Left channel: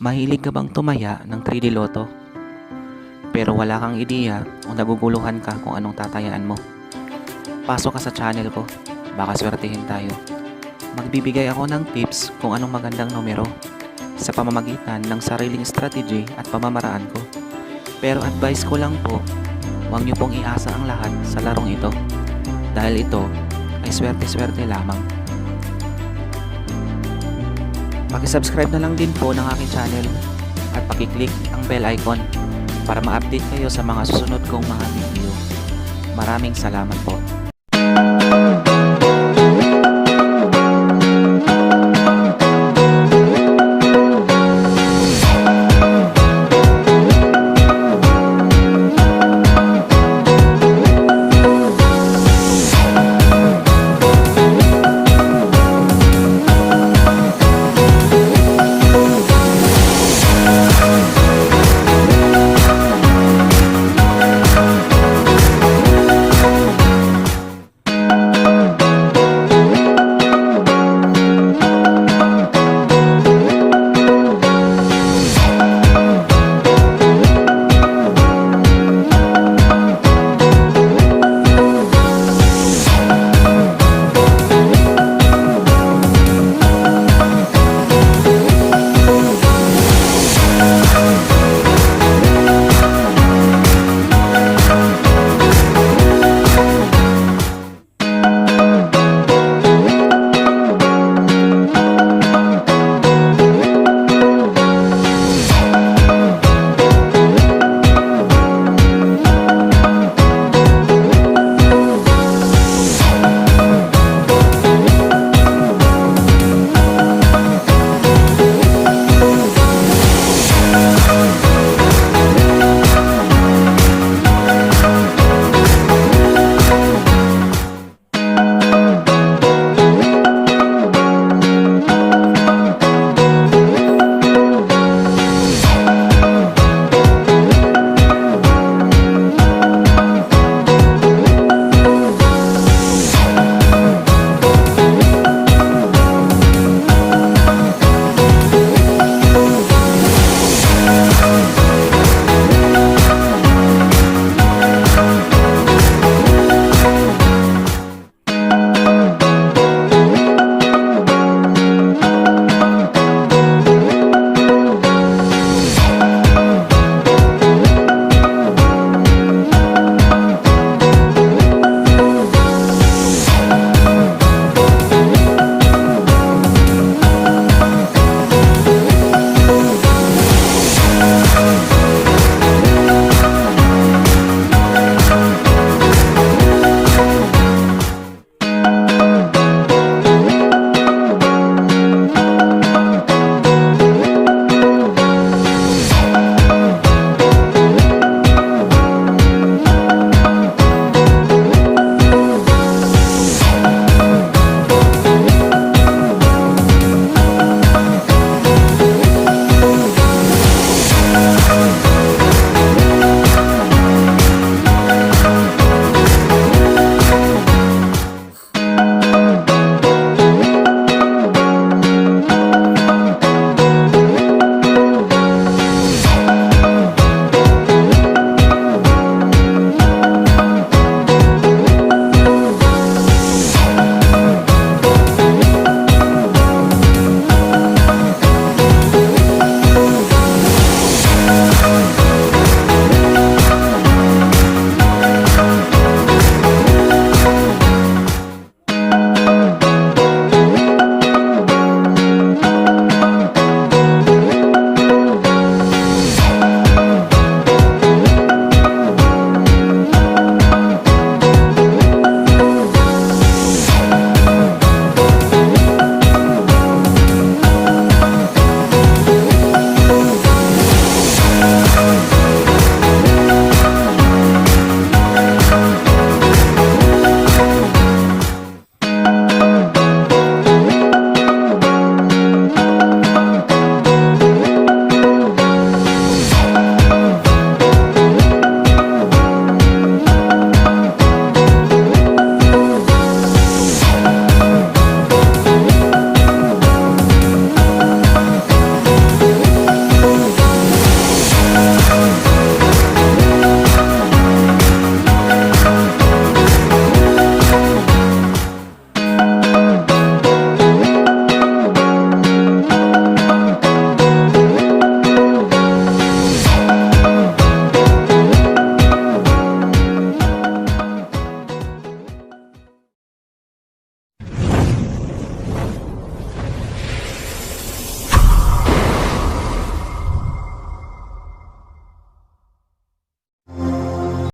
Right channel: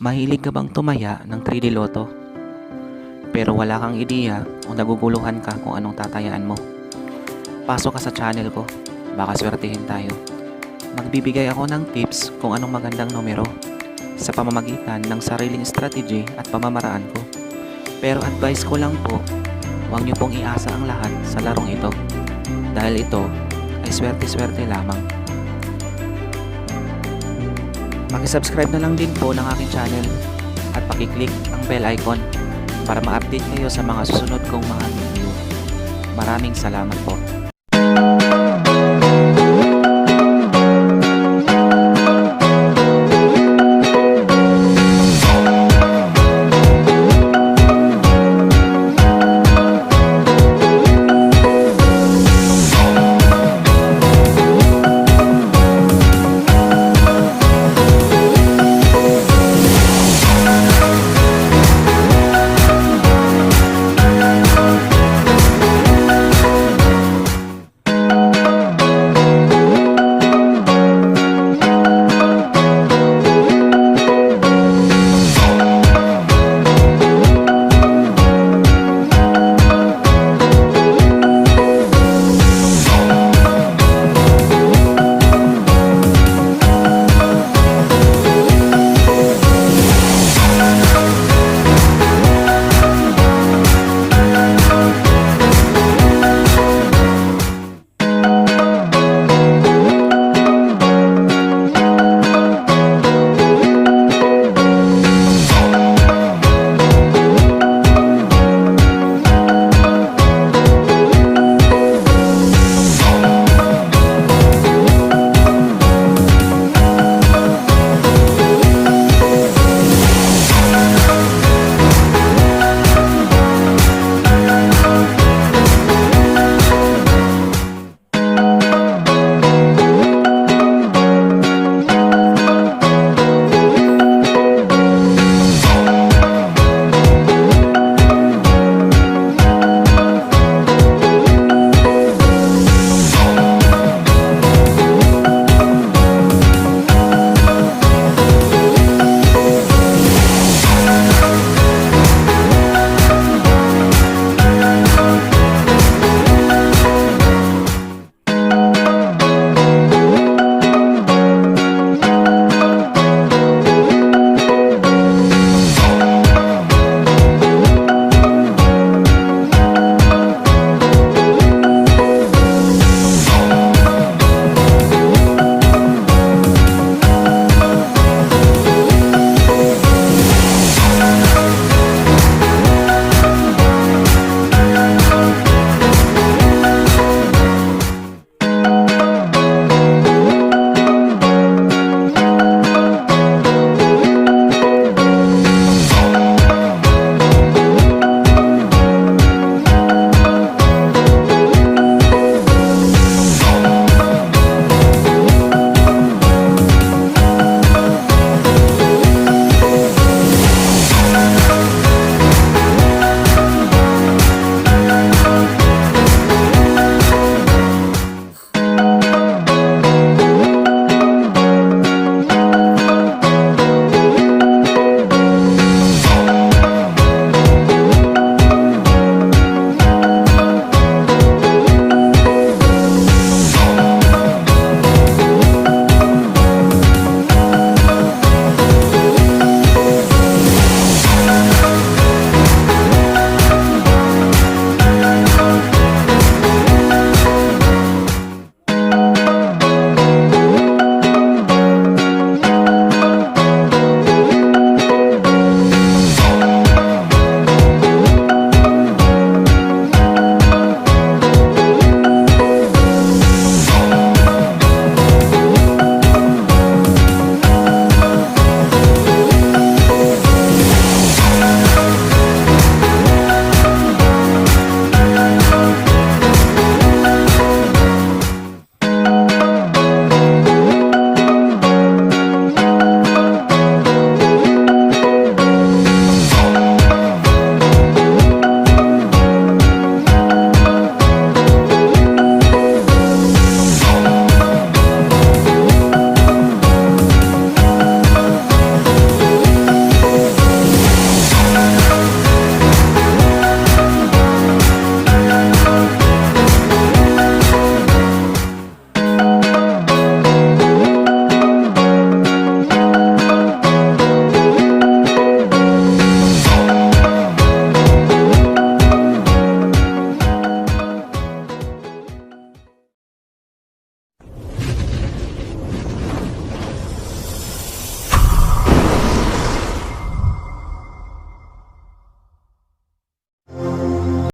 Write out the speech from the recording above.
Mahilig ka bang tumaya ng 3D Lotto? Pero wala kang ideya o naguguluhan ka kung anong tatayaan mo? Pasok ka sa channel ko, baka swertihin tayo. Magbibigay ako ng tips kung anong magandang numero sa pamamagitan ng sariling strategy at pamamaraan ko. Pero advice ko lang po, huwag niyo pong iasa ang lahat sa larong ito dahil ito ay swerte-swerte lamang. Paki-subscribe na lang din po ng aking channel at paki-click ang bell icon para ma-update kayo sa mga susunod kong mga video. Maraming salamat po.